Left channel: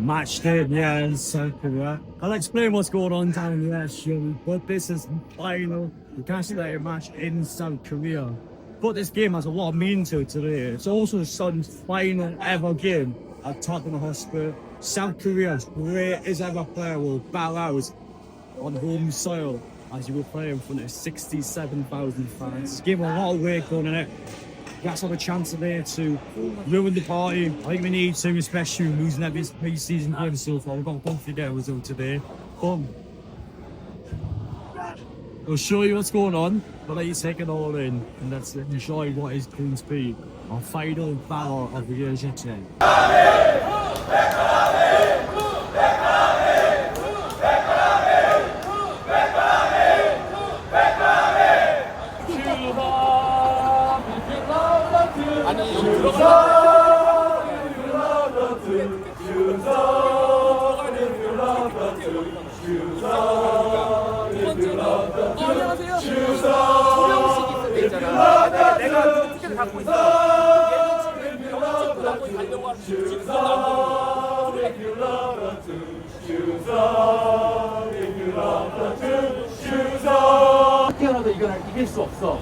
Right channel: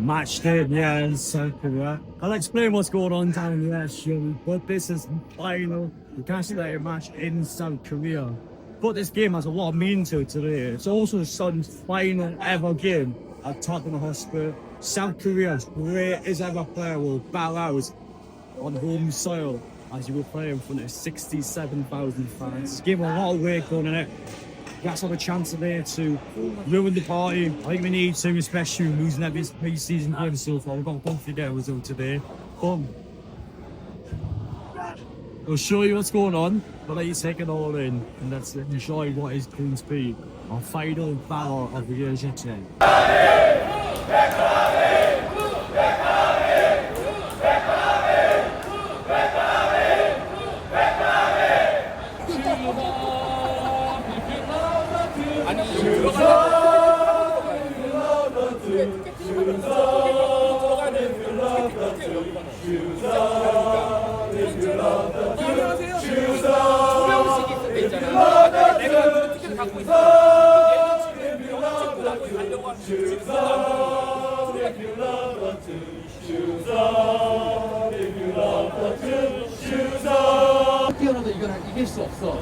match day, yeah, in South Korea. I'll explain what's going on down there shortly, but this is the final Newcastle match in South Korea. But this game has a lot of meaning to it today. It's also the Sun's final ever game at Tottenham Hotspur. South Korea's greatest ever player will bow out on home soil as you will play in front of 67,000 fans. It's given a lot of weight on it. That's have a chance today to ruin the party. I think we need to, especially losing every pre-season game so far. We've got both to get a result today. But we'll show you what's going on, but let you take it all in and let's enjoy what is going to be our final battle of the year today. 내가 티켓을 갖고 있어. 얘는 지금 영특도 갖고 가려고 하는 뛰어나도 이길 수 없어.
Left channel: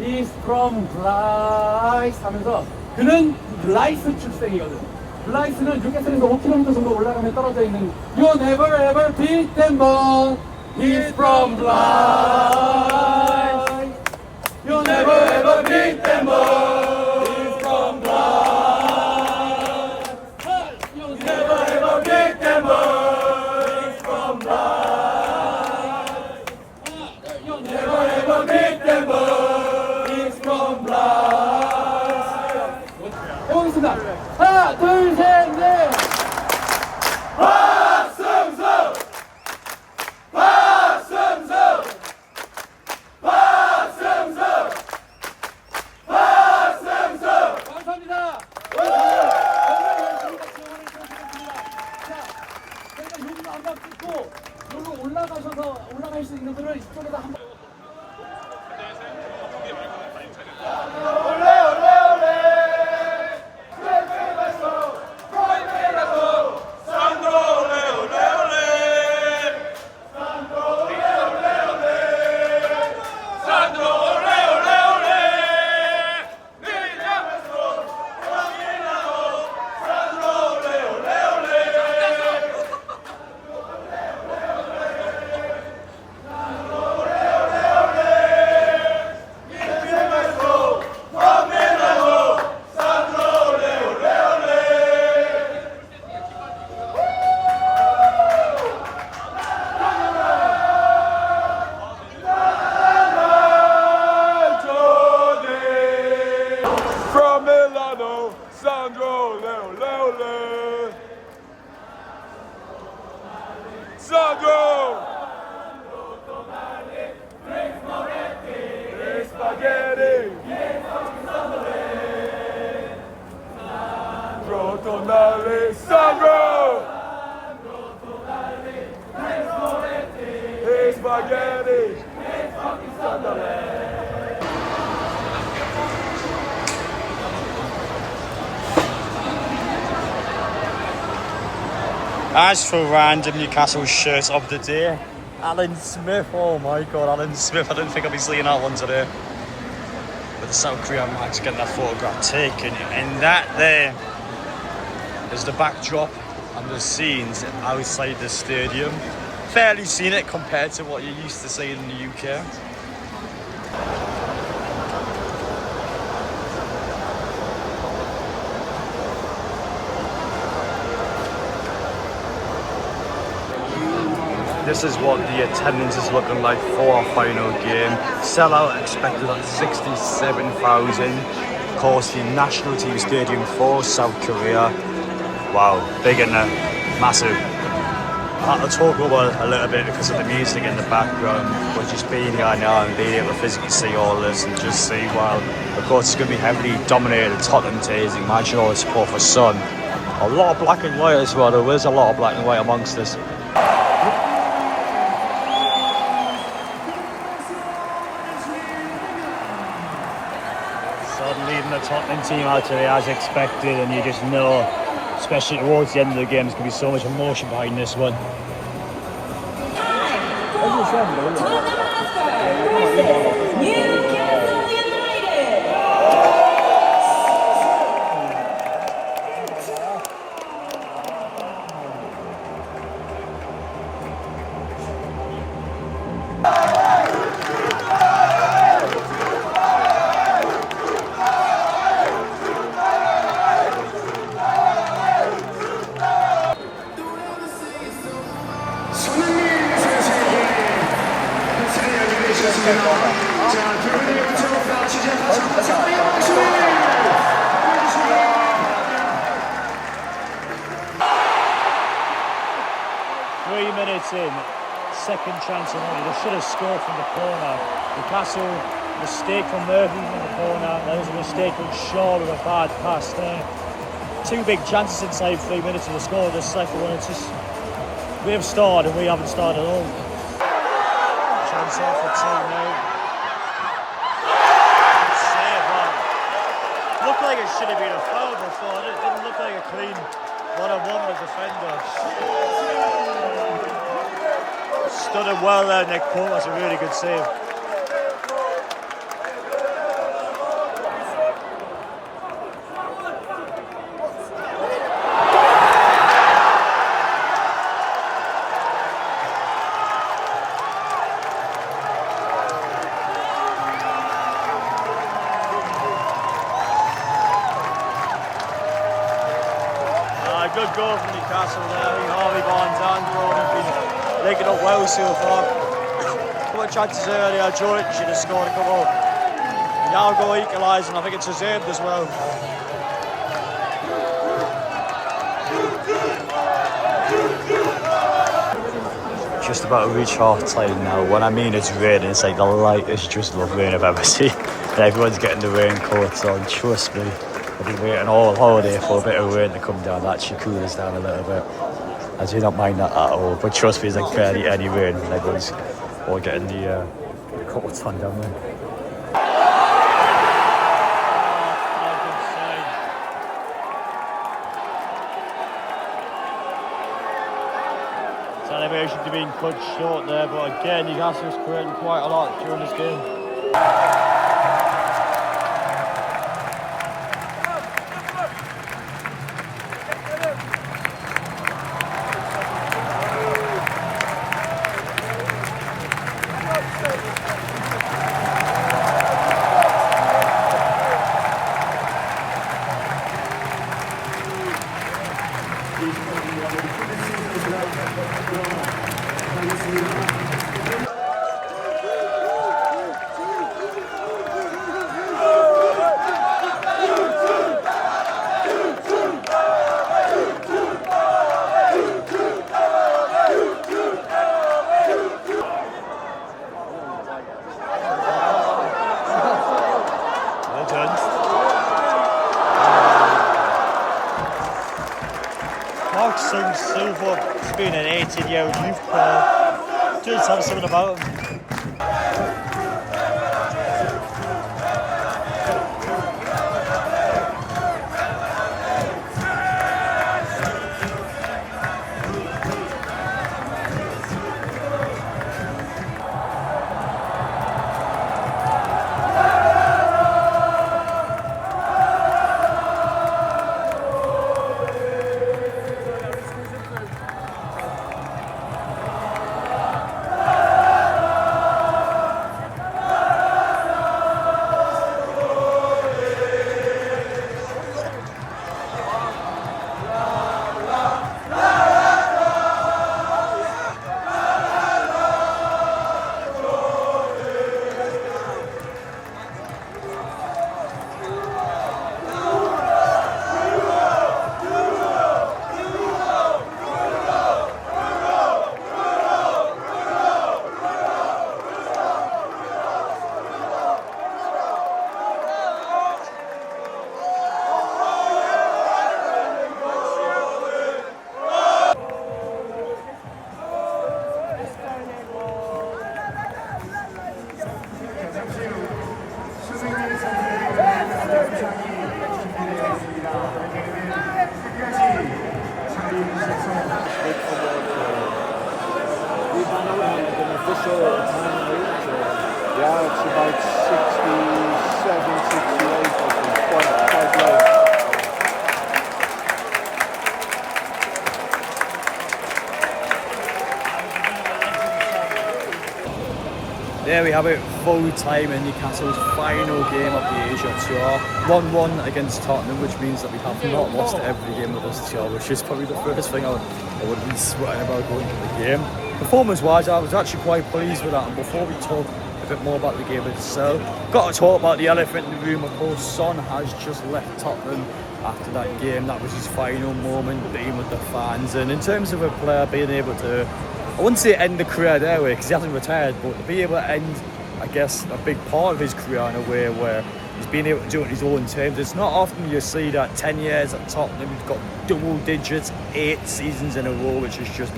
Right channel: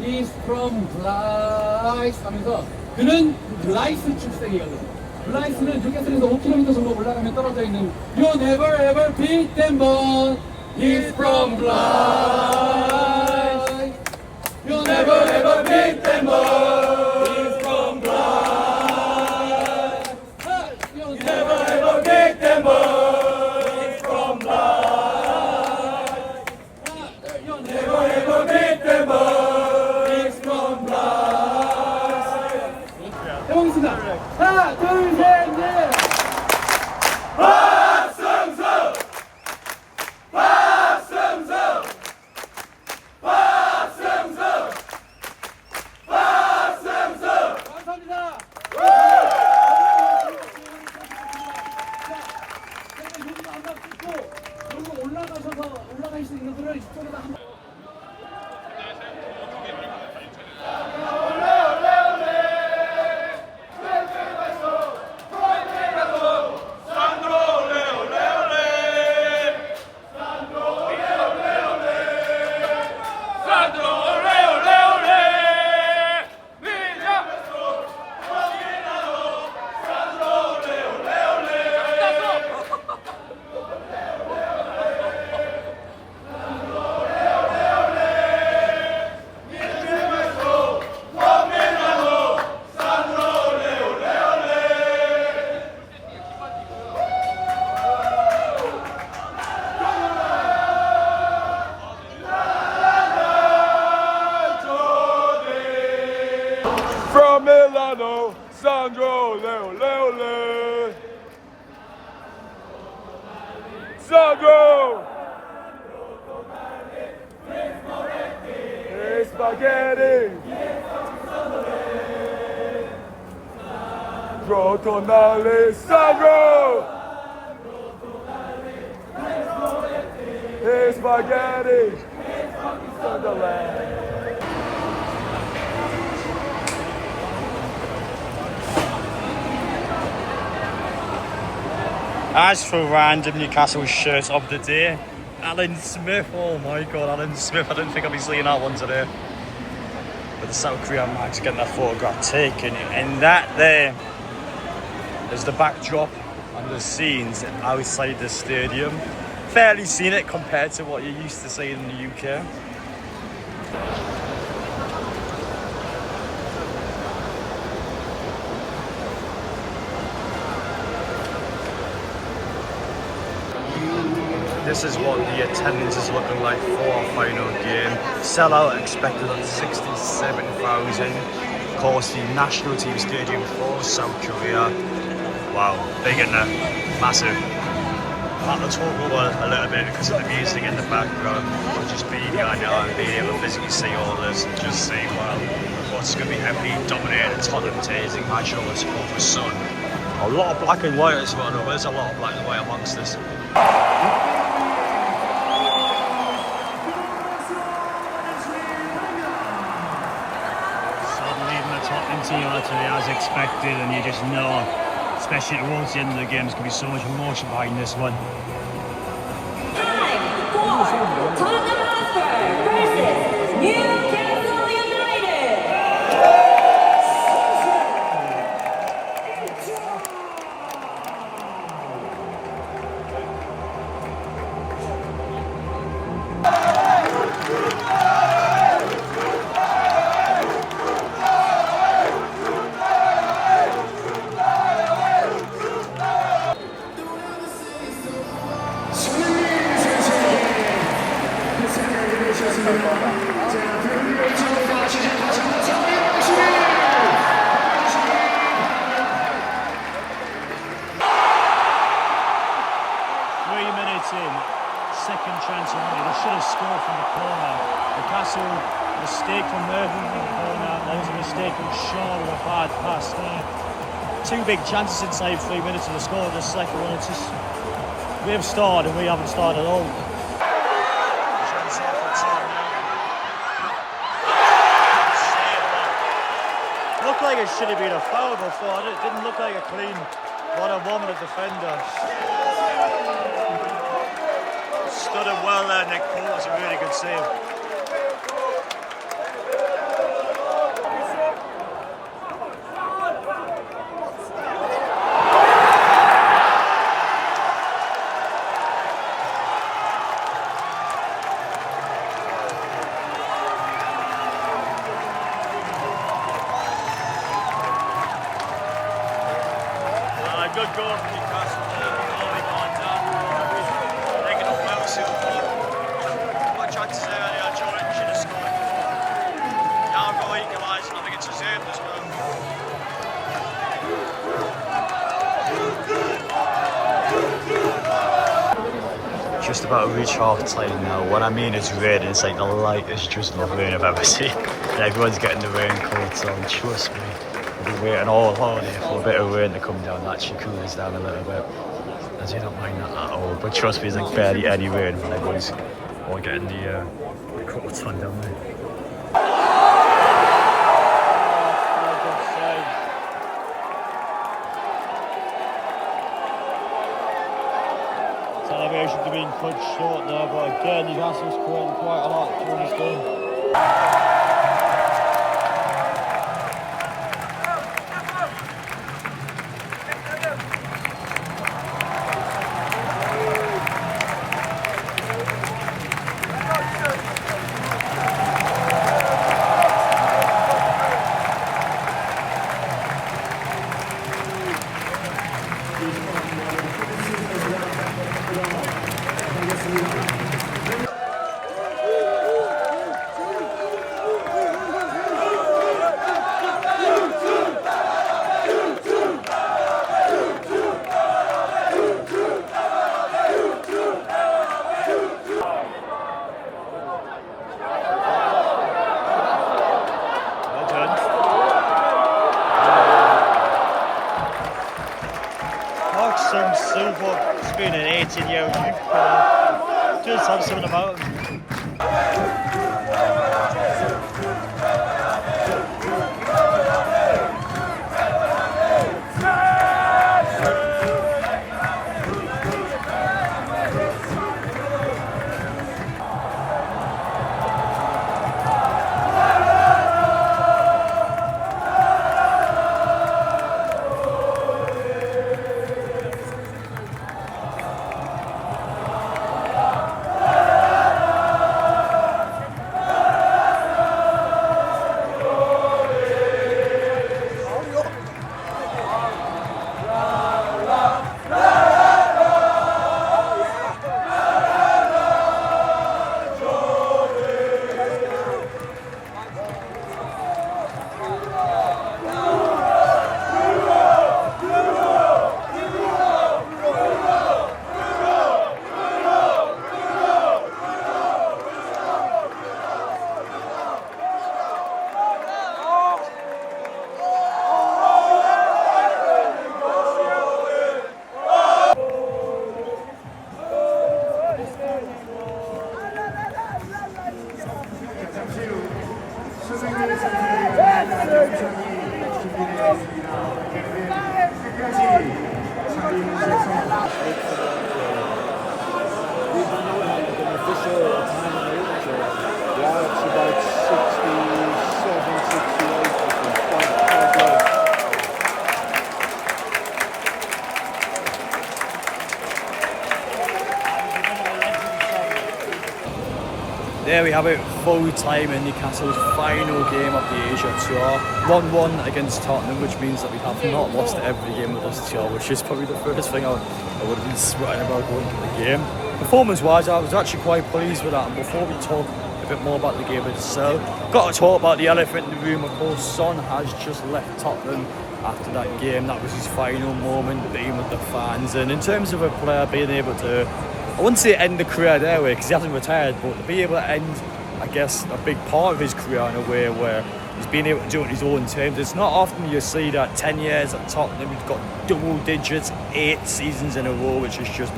He's from Blyth 하면서 그는 블라이스 출생이거든. 블라이스는 뉴캐슬에서 5km 정도 올라가면 떨어져 있는 You never ever beat them but He's from Blyth. You never ever beat them all. He's from Blyth. You never ever beat them all. He's from Blyth. You never ever beat them all. He's from Blyth. 해보겠습니다. 하나, 둘, 셋, 넷. 박승수! 박승수! 올라갈 수 있는 분을 이쪽에다 한번 As for random Newcastle shirts of the day, Alan Smith, oh my god, Alan Smith, I didn't think I'd be seeing that one today. But the South Korean Max getting that photograph taken, and that there is the backdrop and the scenes outside the stadium. Fairly scenic compared to what you're used to seeing in the UK. This is what the attendance is looking like for our final game. Sellout expected at 67,000. Of course, the national team stadium for South Korea. Wow, big in there, massive. I had to talk over a little bit because of the music in the background, but just being here now and being able to physically see all this and just see, wow, of course it's going to be heavily dominated Tottenham teams. Imagine all the support for Son. A lot of black and white as well, there is a lot of black and white amongst us. Son leading the Tottenham team out today as expected, and you just know especially towards the end of the game. There's going to be so much emotion behind this one. In second chance of money. They should have scored from the corner. Newcastle, mistake from Murphy from the corner. There was a mistake from Shaw with a bad pass there. Two big chances inside 3 minutes of the score. The second one, it's just we have started and we haven't started at all. Chance here for 2-0. Looked like it should have been a foul before. It didn't look like a clean one-on-one with the defender. Stood him well there, Nick Cole. That's a really good save. Good goal from Newcastle there. Harvey Barnes down the road. Making up well so far. Couple of chances earlier, Jordan should have scored a couple. Now go equalise, and I think it's deserved as well. Just about to reach half time now. When I mean it's raining, it's like the lightest drizzle of rain I've ever seen. And everyone's getting the raincoats on, trust me. I've been waiting all holiday for a bit of rain to come down. That actually cool us down a little bit. I do not mind that at all, but trust me, there's like barely any rain. Everyone's all getting the coats on down there. Celebration to being cut short there, but again, Newcastle's creating quite a lot during this game. He's been an 18-year-old youth player. Just have something about him. Yeah, it's about 67, 68, I think, quite low. There we have it, full time in Newcastle's final game of the Asia Tour. 1-1 against Tottenham, which means that we have not lost every game of this tour, which is probably the first thing I would have been sweating about going into the game. Performance-wise, I was actually quite pleased with that, and before we talk a bit more about the game itself, got to talk about the elephant in the room. Of course, Son has just left Tottenham after that game. That was his final moment being with the fans, and in terms of a player being able to, I wouldn't say end the career their way because he hasn't retired, but to be able to end, I guess, a big part of his career in a way where he's been able to do it on his own terms. It's not often you see that 10 years at Tottenham, he's got double digits, 8 seasons in a row, which is just,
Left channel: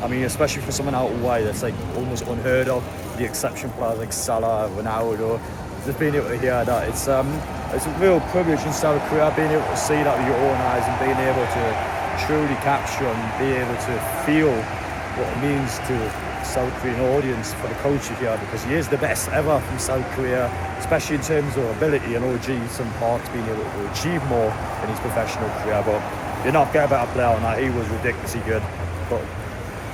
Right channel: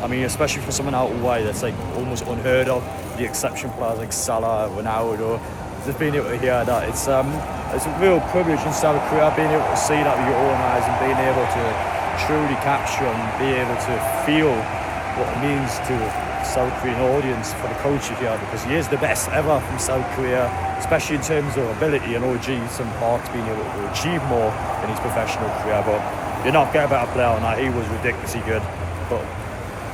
I mean, especially for someone out wide, that's like almost unheard of. The exception players like Salah, Ronaldo, just being able to hear that, it's a real privilege in South Korea, being able to see that with your own eyes and being able to truly capture and be able to feel what it means to South Korean audience for the culture here, because he is the best ever from South Korea, especially in terms of ability and OG, some parts being able to achieve more in his professional career. But you're not getting a better player on that. He was ridiculously good. But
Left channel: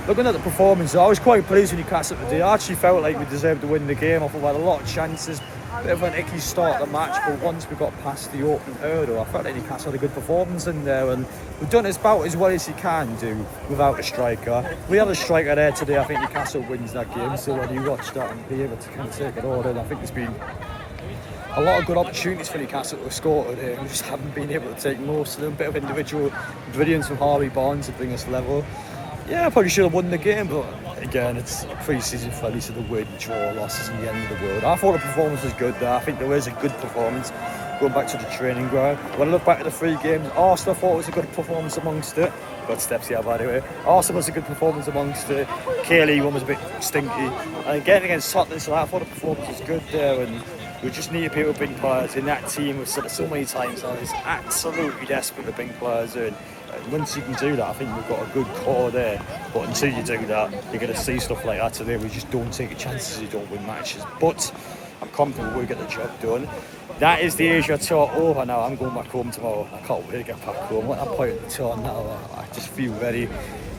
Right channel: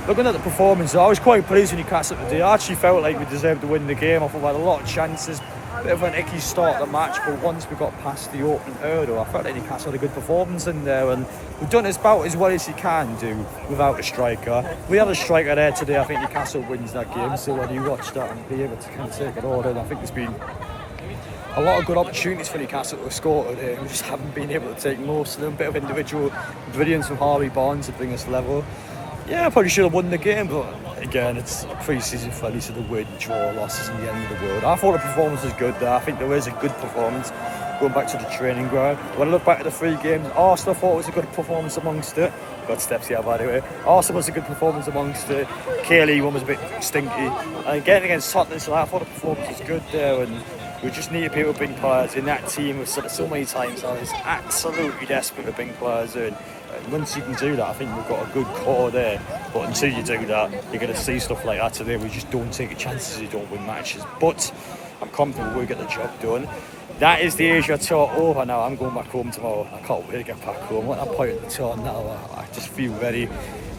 looking at the performance, I was quite pleased with Newcastle today. I actually felt like we deserved to win the game. I thought we had a lot of chances. Bit of an icky start to the match, but once we got past the opening hurdle, I felt like Newcastle had a good performance in there, and we've done about as well as you can do without a striker. We had a striker there today. I think Newcastle wins that game, so when you watch that and be able to kind of take it all in, I think there's been a lot of good opportunities for Newcastle to score today. We just haven't been able to take most of them. Bit of individual brilliance from Harvey Barnes to bring us level. Yeah, I probably should have won the game, but again, it's a pre-season friendly, so the win, draw, loss isn't the end of the world. I thought the performance was good there. I think there was a good performance going back to the training ground. When I look back at the 3 games, Arsenal thought it was a good performance amongst it. Got steps here, by the way. Arsenal was a good performance amongst it. Kaylee one was a bit stinky. And again against Tottenham, so I thought the performance was good there. And we just need to be able to bring players in. That team, we've said it so many times now, is absolutely desperate to bring players in. Once you can do that, I think we've got a good core there. But until you do that, you're going to see stuff like that today. We just don't take chances, you don't win matches. But I'm confident we'll get the job done. That is the Asia Tour over now. I'm going back home tomorrow. I can't wait to get back home. At that point in the tour now, I just feel ready.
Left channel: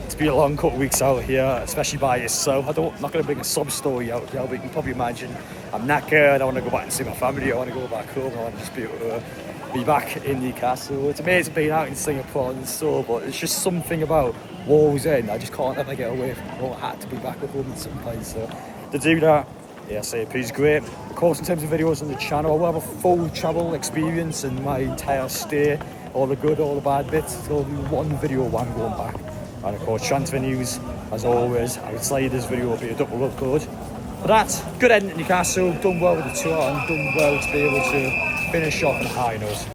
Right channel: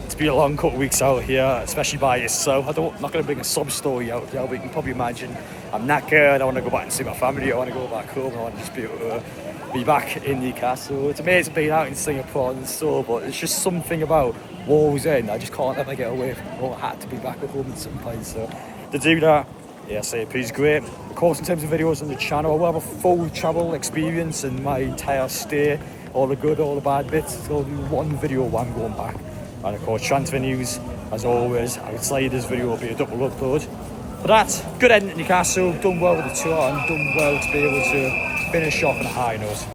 It's been a long couple of weeks out here, especially by yourself. I'm not going to bring a sub story out here, but you can probably imagine I'm knackered. I want to go back and see my family. I want to go back home. I want to just be able to be back in Newcastle. It's amazing being out in Singapore and so, but it's just something about Wall's End. I just can't ever get away from it. I had to be back at home at some point. So to do that, yeah, SAP is great. Of course, in terms of videos on the channel, I will have a full travel experience and my entire stay, all the good, all the bad bits. So I'll do one video while I'm going back. And of course, transfer news, as always. I would say this video will be a double upload. But that's good end at Newcastle, done well with the tour and done well to be able to finish off on a high note.